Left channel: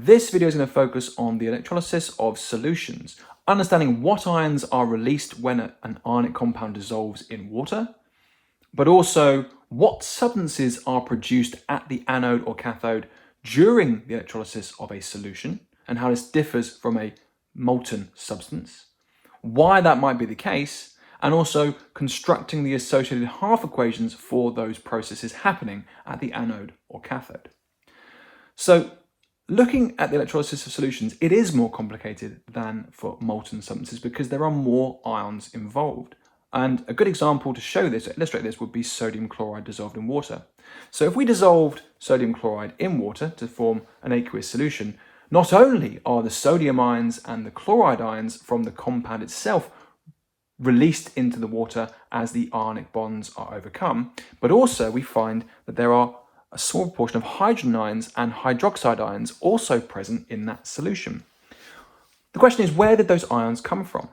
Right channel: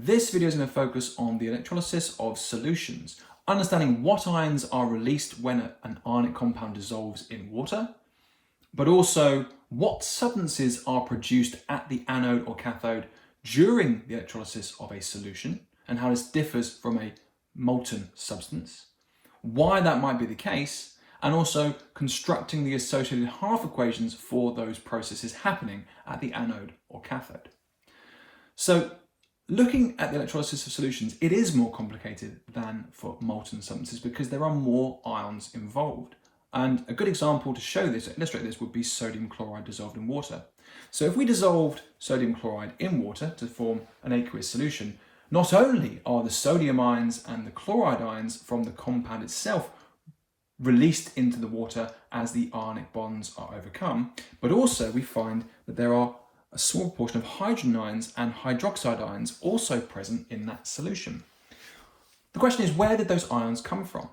This video is going to focus on the electrolysis of solutions, understanding what ions are released when an ionic compound dissolves in water, but also what substances are produced at the anode or cathode during the electrolysis of a solution and how this differs from a molten substance, why that might be the case, and also constructing the associated half equations for those processes happening at the anode or cathode. So, looking at the electrolysis of solutions, it is more complicated than for molten substances because there are more ions involved. And a good example to show this, illustrate this, would be sodium chloride dissolved in water. So if we dissolved sodium chloride in water to form an aqueous solution, not only are the sodium ions and the chloride ions from the compound itself released into the water as the ionic bonds are overcome, but also we find that there are a small proportion of hydrogen ions and hydroxide ions also present in that solution. The question is, where did those ions come from?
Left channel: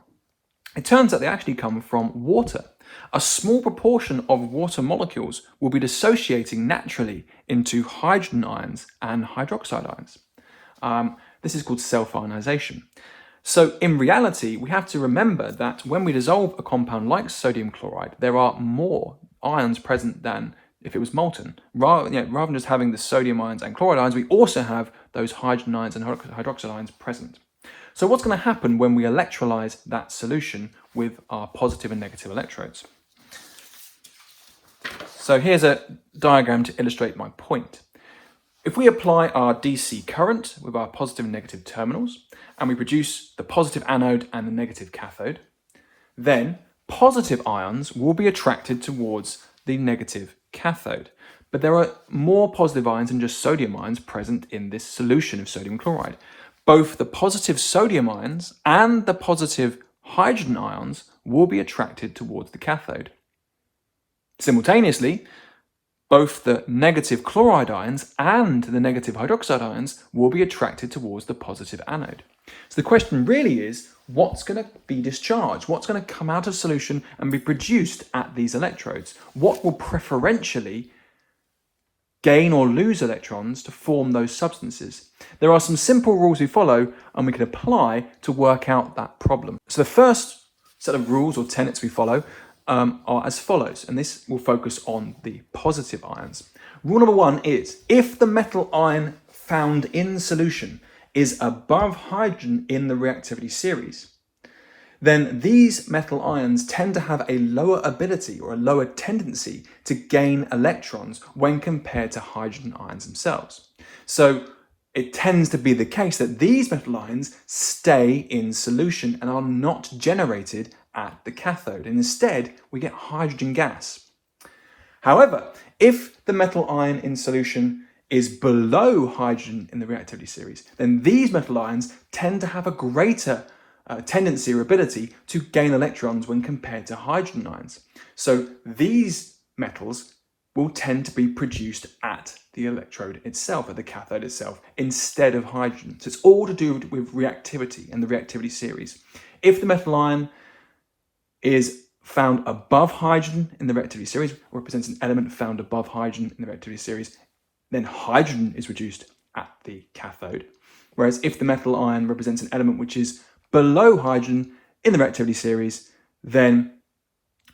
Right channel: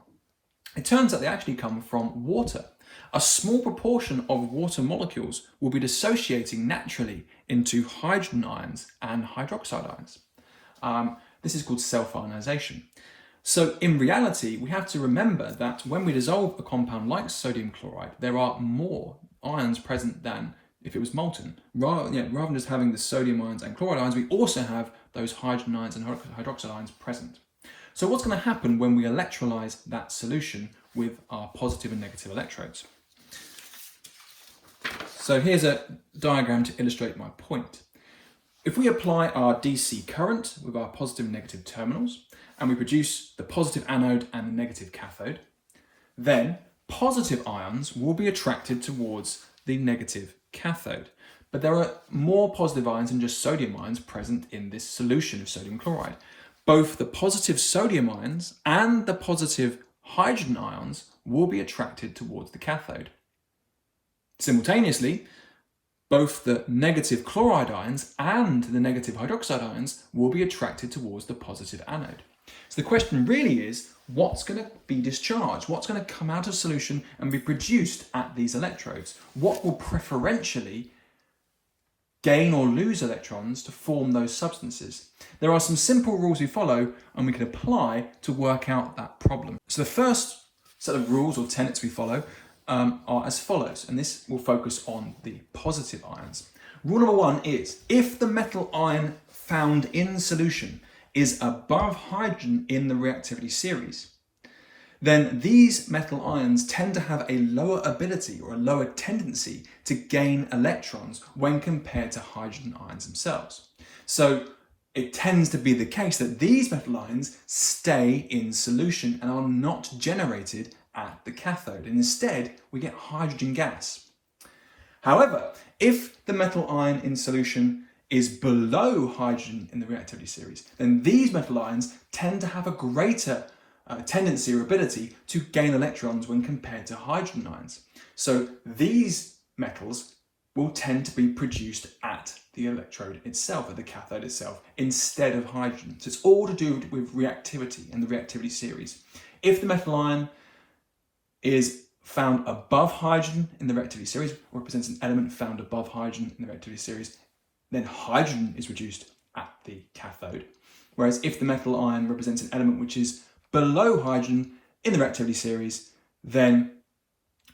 It turns out they actually come from water. A small proportion of water molecules will be dissociating naturally into hydrogen ions and hydroxide ions. This is called self-ionization. So in reality, we have to remember that when we dissolve a compound like sodium chloride, there are more ions present than if it was molten. Rather than just having the sodium ions and chloride ions, we also have those hydrogen ions and hydroxide ions present. So what's going to happen when we electrolyze that solution with our positive and negative electrodes? So here's a diagram to illustrate my point. If we apply our DC current with our positive and negative terminals, and we produce the positive anode and the negative cathode, then positive ions will be attracted towards the negative cathode. But there are more positive ions than just sodium ions present in this solution of sodium chloride. Both the positive sodium ions and the positive hydrogen ions will be attracted towards the cathode. Simultaneously, both the negative chloride ions and the negative hydroxide ions will be attracted towards the positive anode. So the question really is, what's going to be discharged? What's going to come out of solution and be produced at these electrodes? What will preferentially gain or lose electrons to form those substances? There are some simple rules we follow and we can apply to work out that problem. So the first set of rules or tenets we follow are as follows, and this will focus on the positive ions. Rule number one is, if the metal ion found in solution is above hydrogen in the reactivity series, then these metal ions tend to have a lower ability or a lower tendency to gain electrons when compared to hydrogen ions themselves. So it tends to be the case that these metal ions stay in solution and are not generated at the cathode. Instead, we get hydrogen gas. However, if the metal ion in solution is below hydrogen in the reactivity series, then these metal ions tend to have a greater tendency or ability to gain electrons when compared to hydrogen ions. So these metals will tend to be produced at the electrode itself, at the cathode itself, instead of hydrogen. So it's all to do with reactivity and the reactivity series. If the metal ion is found above hydrogen in the reactivity series, represents an element found above hydrogen in the reactivity series, then hydrogen is reduced at the cathode. Whereas if the metal ion represents an element which is below hydrogen in the reactivity series, then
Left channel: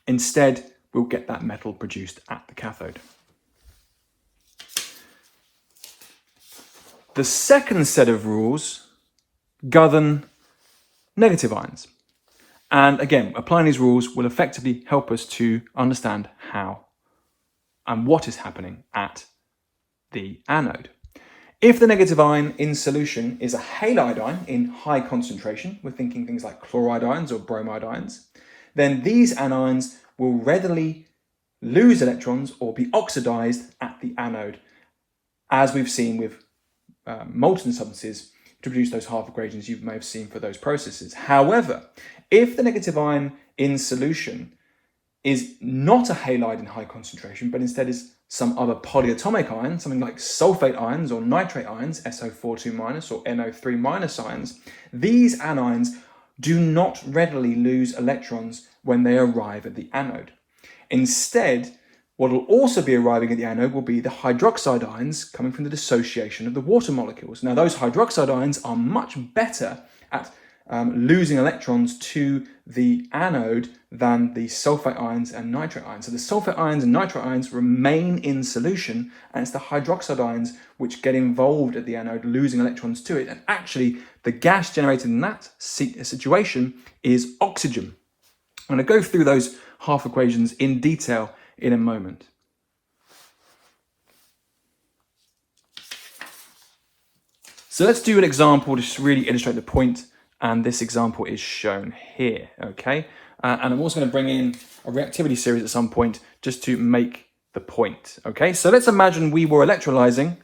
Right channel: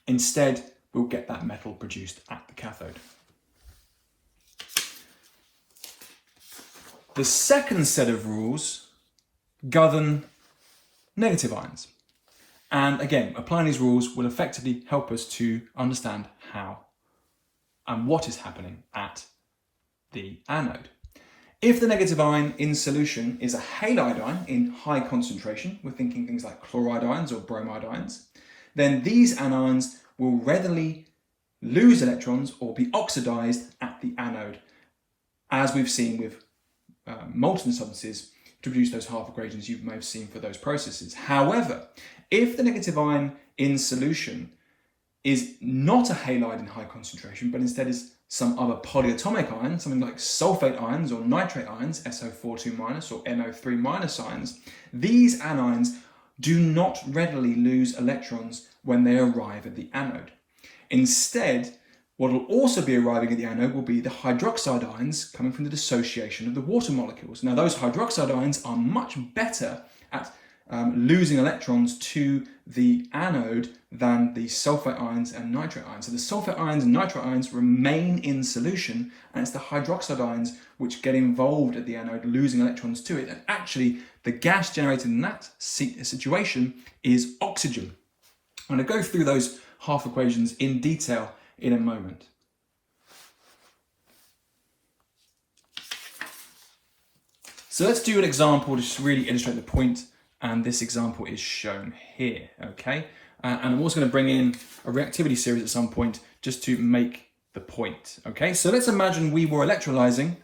instead we'll get that metal produced at the cathode. The second set of rules govern negative ions. And again, applying these rules will effectively help us to understand how and what is happening at the anode. If the negative ion in solution is a halide ion in high concentration, we're thinking things like chloride ions or bromide ions, then these anions will readily lose electrons or be oxidized at the anode, as we've seen with molten substances to produce those half equations you may have seen for those processes. However, if the negative ion in solution is not a halide in high concentration, but instead is some other polyatomic ion, something like sulfate ions or nitrate ions, SO42- or NO3- ions, these anions do not readily lose electrons when they arrive at the anode. Instead, What will also be arriving at the anode will be the hydroxide ions coming from the dissociation of the water molecules. Now, those hydroxide ions are much better at losing electrons to the anode than the sulfate ions and nitrate ions. So the sulfate ions and nitrate ions remain in solution, and it's the hydroxide ions which get involved at the anode, losing electrons to it. And actually, the gas generated in that situation is oxygen. I'm going to go through those half equations in detail in a moment. So let's do an example to really illustrate the point, and this example is shown here, okay? And I'm also going to bring in a reactivity series at some point just to make the point, okay? So let's imagine we were electrolyzing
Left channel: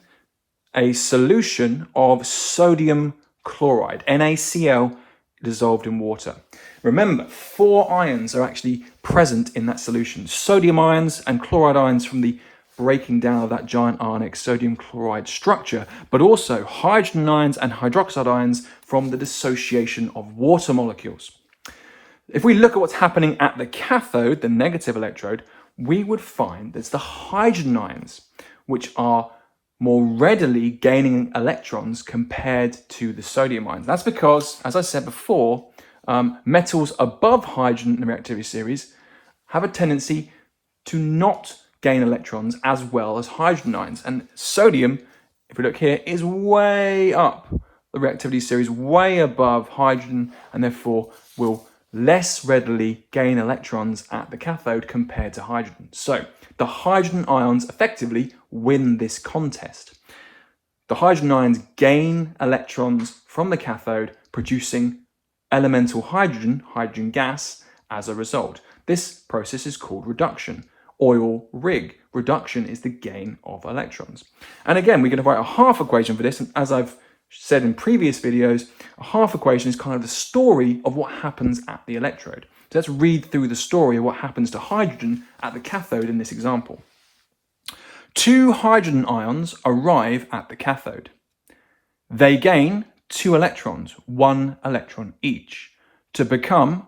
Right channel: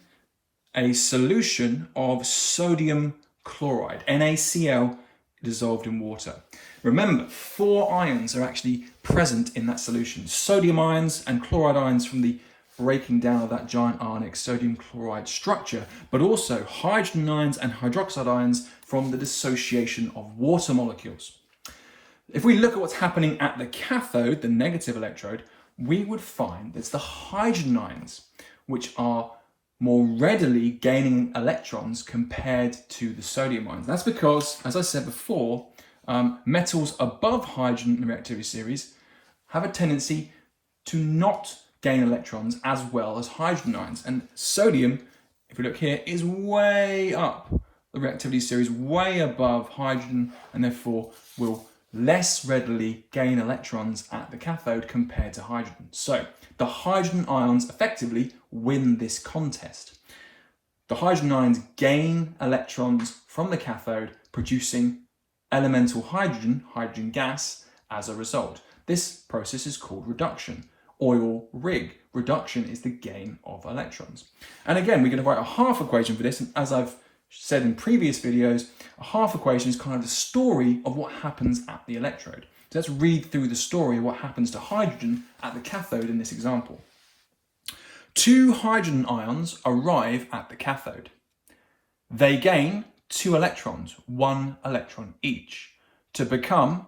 a solution of sodium chloride, NaCl, dissolved in water. Remember, 4 ions are actually present in that solution. Sodium ions and chloride ions from the breaking down of that giant ionic sodium chloride structure, but also hydrogen ions and hydroxide ions from the dissociation of water molecules. If we look at what's happening at the cathode, the negative electrode, we would find that it's the hydrogen ions which are more readily gaining electrons compared to the sodium ions. That's because, as I said before, metals above hydrogen in the reactivity series have a tendency to not gain electrons as well as hydrogen ions. And sodium, if we look here, is way up the reactivity series, way above hydrogen, and therefore will less readily gain electrons at the cathode compared to hydrogen. So the hydrogen ions effectively win this contest. The hydrogen ions gain electrons from the cathode, producing elemental hydrogen, hydrogen gas, as a result. This process is called reduction. Oil rig. Reduction is the gain of electrons. And again, we're going to write a half equation for this. And as I've said in previous videos, a half equation is kind of the story of what happens at the electrode. So let's read through the story of what happens to hydrogen at the cathode in this example. 2 hydrogen ions arrive at the cathode. They gain 2 electrons, 1 electron each, to become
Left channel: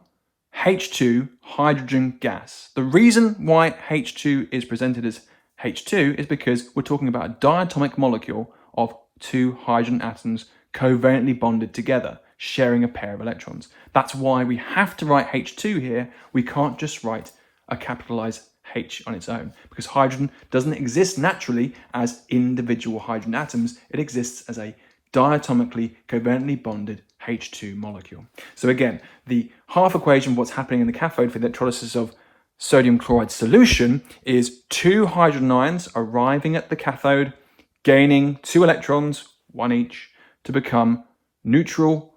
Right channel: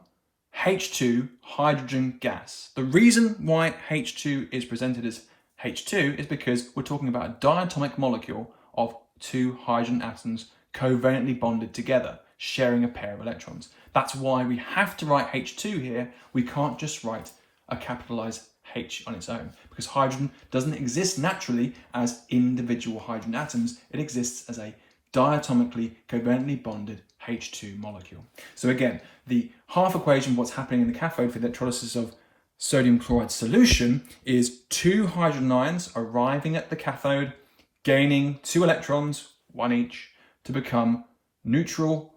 H2 hydrogen gas. The reason why H2 is presented as H2 is because we're talking about a diatomic molecule of 2 hydrogen atoms covalently bonded together, sharing a pair of electrons. That's why we have to write H2 here. We can't just write a capitalized H on its own, because hydrogen doesn't exist naturally as individual hydrogen atoms. It exists as a diatomically covalently bonded H2 molecule. So again, the half equation of what's happening in the cathode for the electrolysis of sodium chloride solution is 2 hydrogen ions arriving at the cathode, gaining 2 electrons, 1 each, to become neutral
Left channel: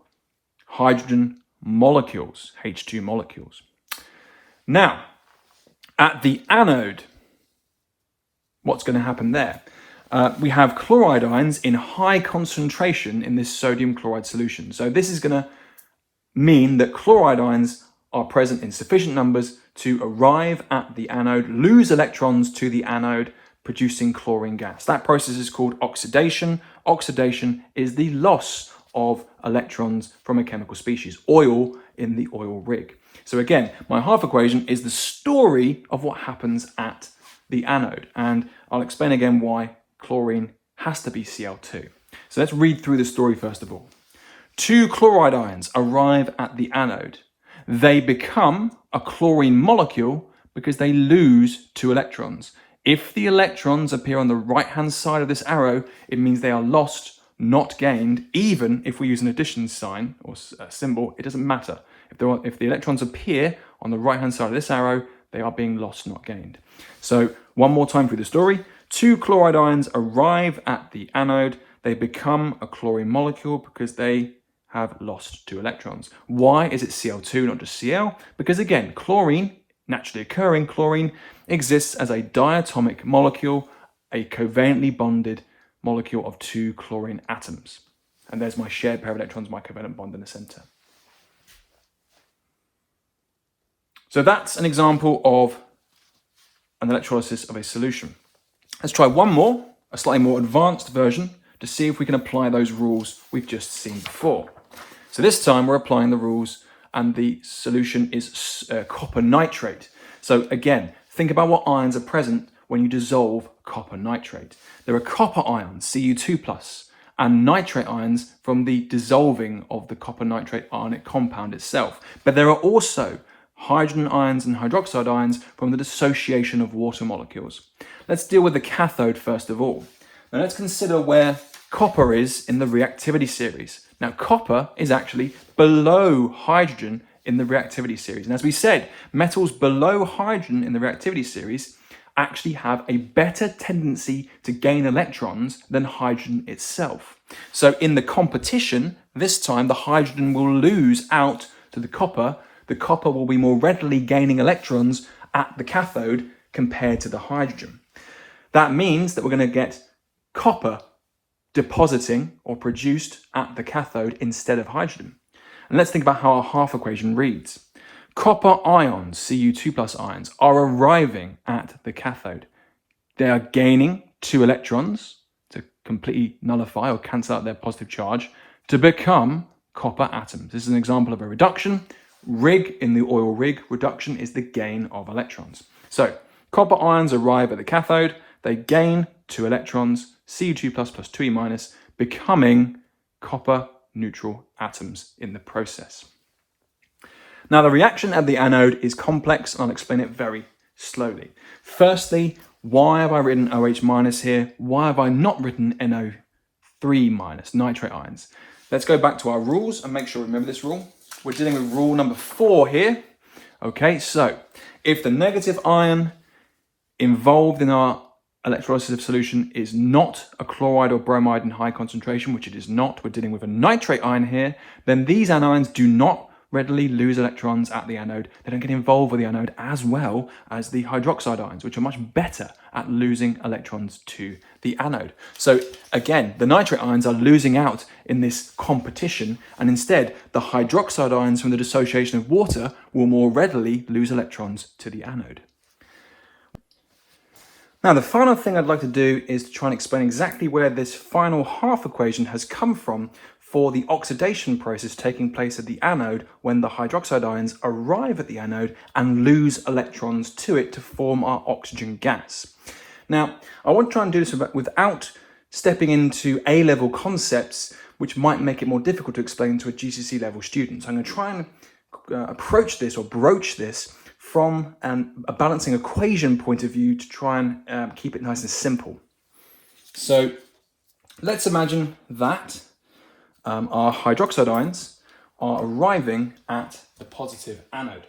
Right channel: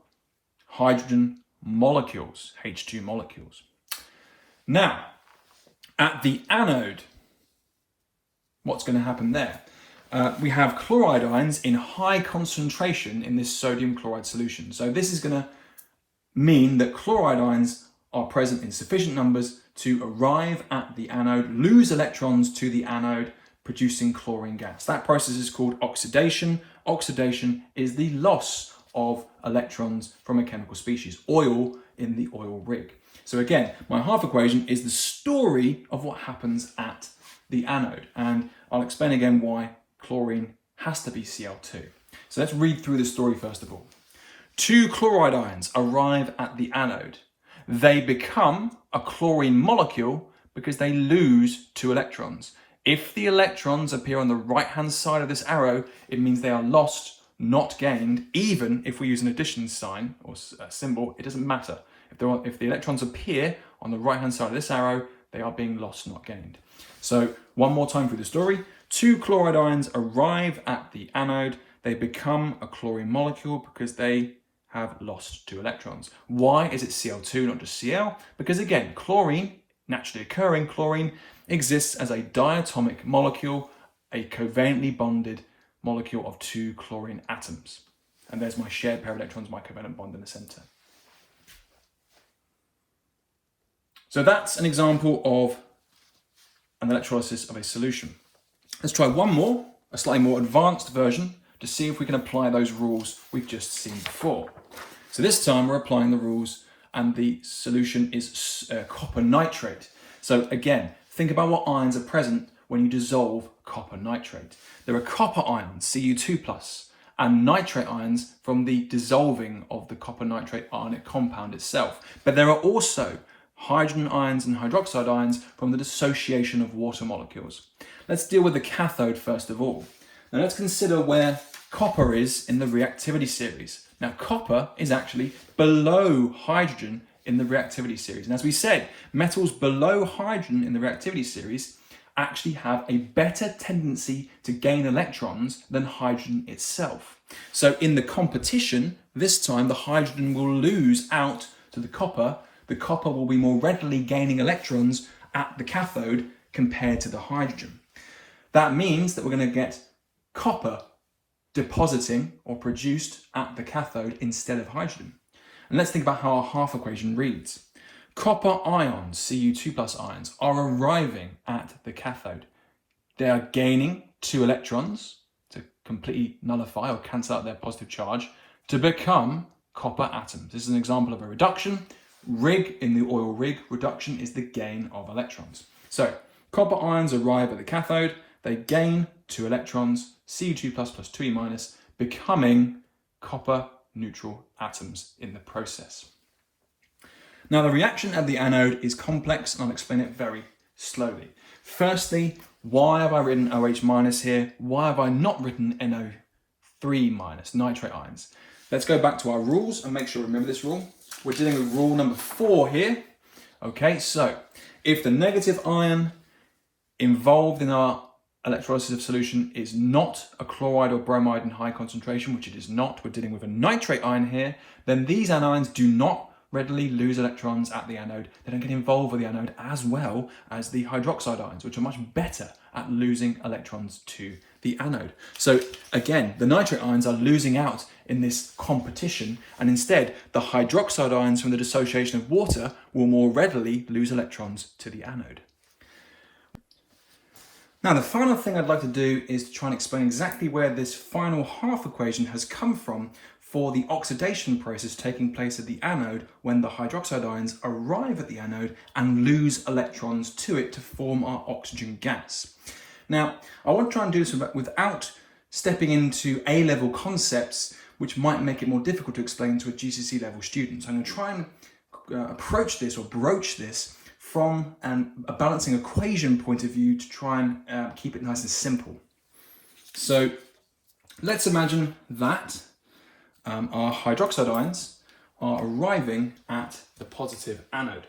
hydrogen molecules, H2 molecules. Now, at the anode, what's going to happen there? We have chloride ions in high concentration in this sodium chloride solution. So this is going to mean that chloride ions are present in sufficient numbers to arrive at the anode, lose electrons to the anode, producing chlorine gas. That process is called oxidation. Oxidation is the loss of electrons from a chemical species, oil in the oil rig. So again, my half equation is the story of what happens at the anode. And I'll explain again why chlorine has to be Cl2. So let's read through the story first of all. 2 chloride ions arrive at the anode. They become a chlorine molecule because they lose 2 electrons. If the electrons appear on the right-hand side of this arrow, it means they are lost, not gained. Even if we use an addition sign or symbol, it doesn't matter. If the electrons appear on the right-hand side of this arrow, they are being lost, not gained. So one more time through the story. 2 chloride ions arrive at the anode. They become a chlorine molecule because they have lost 2 electrons. Why is it Cl2, not just Cl? Because again, chlorine, naturally occurring chlorine, exists as a diatomic molecule, a covalently bonded molecule of 2 chlorine atoms. And there's my shared pair of electrons, my covalent bond in the center. So that's an example of an electrolysis of a solution. Let's try one more, a slightly more advanced version, to see if we can apply those rules we've just seen before. So this time we're applying the rules and the solution is copper nitrate. So again, think about what ions are present when you dissolve copper nitrate. There are copper ions, Cu2+, and nitrate ions from the dissolving of the copper nitrate ionic compound itself. But there are also hydrogen ions and hydroxide ions from the dissociation of water molecules. Let's deal with the cathode first of all. Now let's consider where copper is in the reactivity series. Now copper is actually below hydrogen in the reactivity series. And as we said, metals below hydrogen in the reactivity series actually have a better tendency to gain electrons than hydrogen itself. So in the competition, this time the hydrogen will lose out to the copper. The copper will be more readily gaining electrons at the cathode compared to the hydrogen. That means that we're going to get copper depositing or produced at the cathode instead of hydrogen. And let's think about how our half equation reads. Copper ions, Cu2+ ions, are arriving at the cathode. They are gaining 2 electrons to completely nullify or cancel out their positive charge to become copper atoms. This is an example of a reduction. Rig in the oil rig, reduction is the gain of electrons. So copper ions arrive at the cathode. They gain 2 electrons, Cu2+ plus 2E-, becoming copper neutral atoms in the process. Now the reaction at the anode is complex and I'll explain it very slowly. Firstly, why have I written OH- here? Why have I not written NO3-, nitrate ions? Let's go back to our rules and make sure we remember this rule. We're dealing with rule number 4 here. Okay, so if the negative ion involved in our electrolysis solution is not a chloride or bromide in high concentration, which it is not, we're dealing with a nitrate ion here, then these anions do not readily lose electrons at the anode. They don't get involved with the anode as well as the hydroxide ions, which are much better at losing electrons to the anode. So again, the nitrate ions are losing out in this competition, and instead the hydroxide ions from the dissociation of water will more readily lose electrons to the anode. Now, the final thing I'd like to do is to try and explain exactly where this final half equation has come from for the oxidation process taking place at the anode when the hydroxide ions arrive at the anode and lose electrons to it to form our oxygen gas. Now, I want to try and do this without stepping into A-level concepts, which might make it more difficult to explain to a GCSE level student. So I'm going to try and approach this or broach this from a balancing equation point of view to try and keep it nice and simple. So let's imagine that our hydroxide ions are arriving at the positive anode.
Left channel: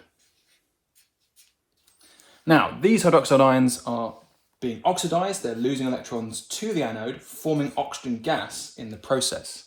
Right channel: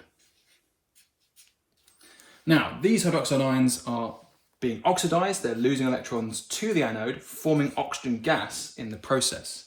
Now, these hydroxide ions are being oxidized, they're losing electrons to the anode, forming oxygen gas in the process.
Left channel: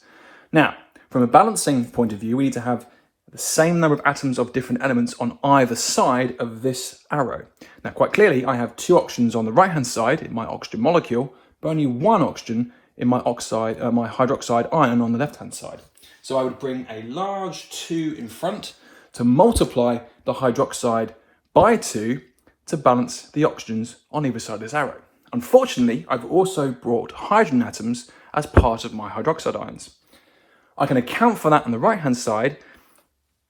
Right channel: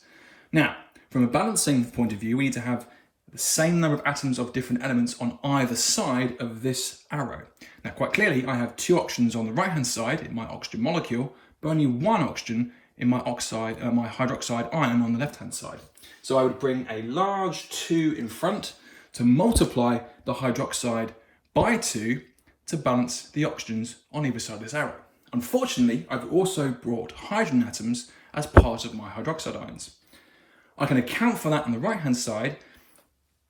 Now, from a balancing point of view, we need to have the same number of atoms of different elements on either side of this arrow. Now, quite clearly, I have 2 oxygens on the right-hand side in my oxygen molecule, but only 1 oxygen in my hydroxide ion on the left-hand side. So I would bring a large 2 in front to multiply the hydroxide by 2 to balance the oxygens on either side of this arrow. Unfortunately, I've also brought hydrogen atoms as part of my hydroxide ions. I can account for that on the right-hand side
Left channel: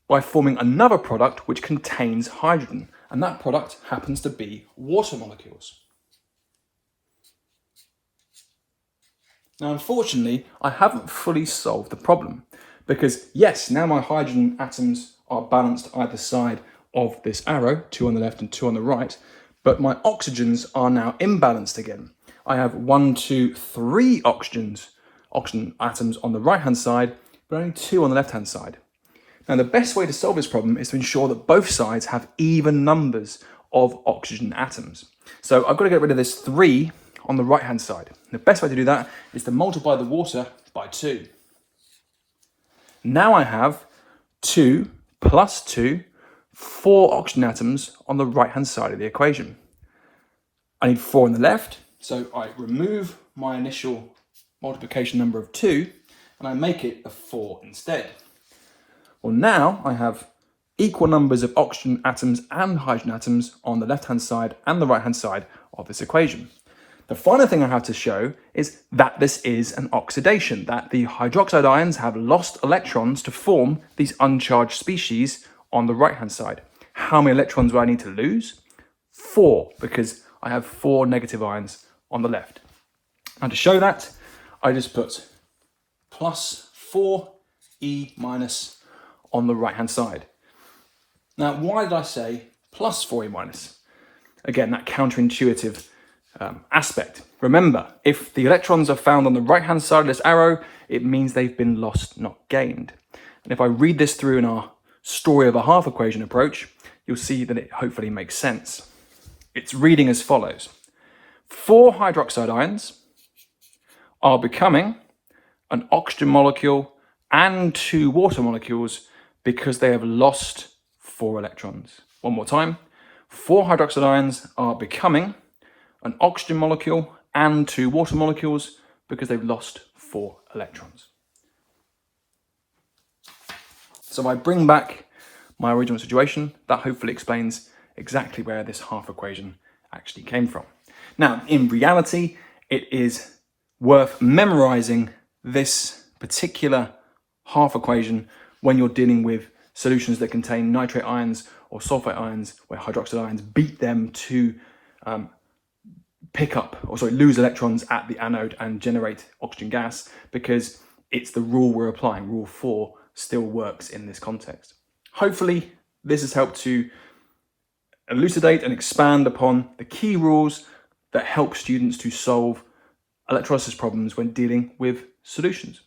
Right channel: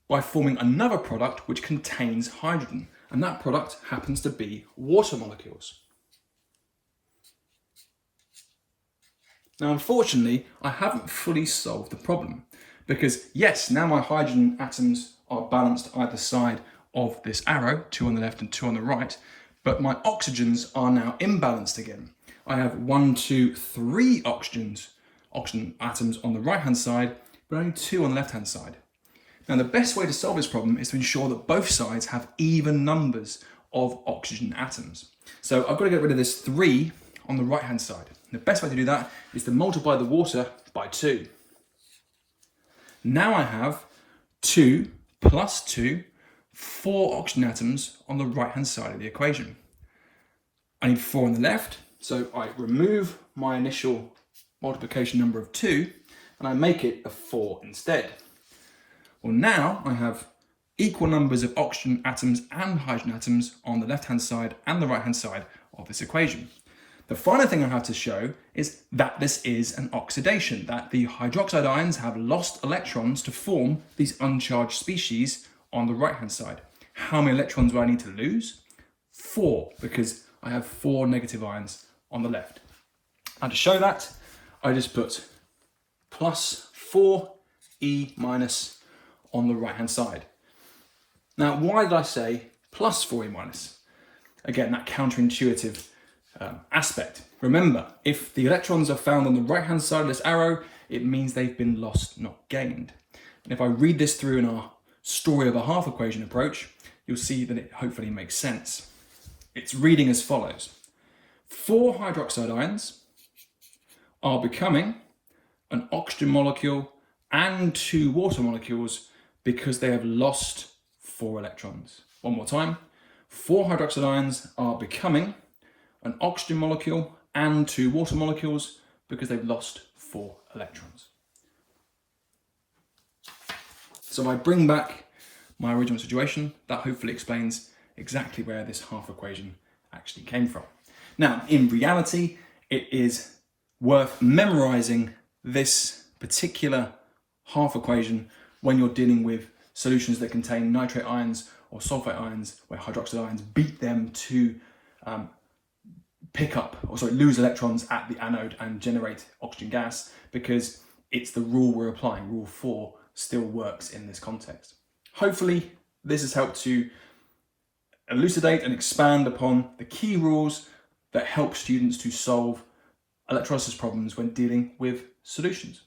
by forming another product which contains hydrogen, and that product happens to be water molecules. Now, unfortunately, I haven't fully solved the problem because yes, now my hydrogen atoms are balanced either side of this arrow, 2 on the left and 2 on the right, but my oxygens are now imbalanced again. I have 1, 2, 3 oxygen atoms on the right-hand side, but only 2 on the left-hand side. Now, the best way to solve this problem is to ensure that both sides have even numbers of oxygen atoms. So I've got to get rid of this 3 on the right-hand side. The best way to do that is to multiply the water by 2. Now I have 2 plus 2, 4 oxygen atoms on the right-hand side of the equation. I need 4 on the left, so I remove my initial multiplication number of 2 and I make it a 4 instead. Well, now I have equal numbers of oxygen atoms and hydrogen atoms on the left-hand side and the right-hand side of this equation. The final thing I have to show is that this is an oxidation, that the hydroxide ions have lost electrons to form these uncharged species on the right-hand side. How many electrons do I need to lose? 4, because I have 4 negative ions on the left. And to show that, I just put plus 4E minus on the right-hand side. Now, why did I say plus 4E minus? Again, that counterintuitive aspect. Remember, if the electrons are found on the right-hand side of this arrow, it means they've been lost, not gained. And if I read this through in our story of a half equation approach, you'll see that it hopefully makes sense. It's reading as follows. 4 hydroxide ions are becoming an oxygen molecule and 2 water molecules because they have lost 4 electrons. One more time. 4 hydroxide ions are becoming an oxygen molecule and 2 water molecules because they've lost 4 electrons. So if I bring back my original situation, that hopefully explains exactly where this half equation actually came from. Now, in reality, it is worth memorizing this particular half equation when you're dealing with solutions that contain nitrate ions or sulfate ions, where hydroxide ions beat them to lose electrons at the anode and generate oxygen gas, because it's the rule we're applying. Rule 4 still works in this context. Hopefully, this has helped to elucidate and expand upon the key rules that help students to solve electrolysis problems when dealing with solutions.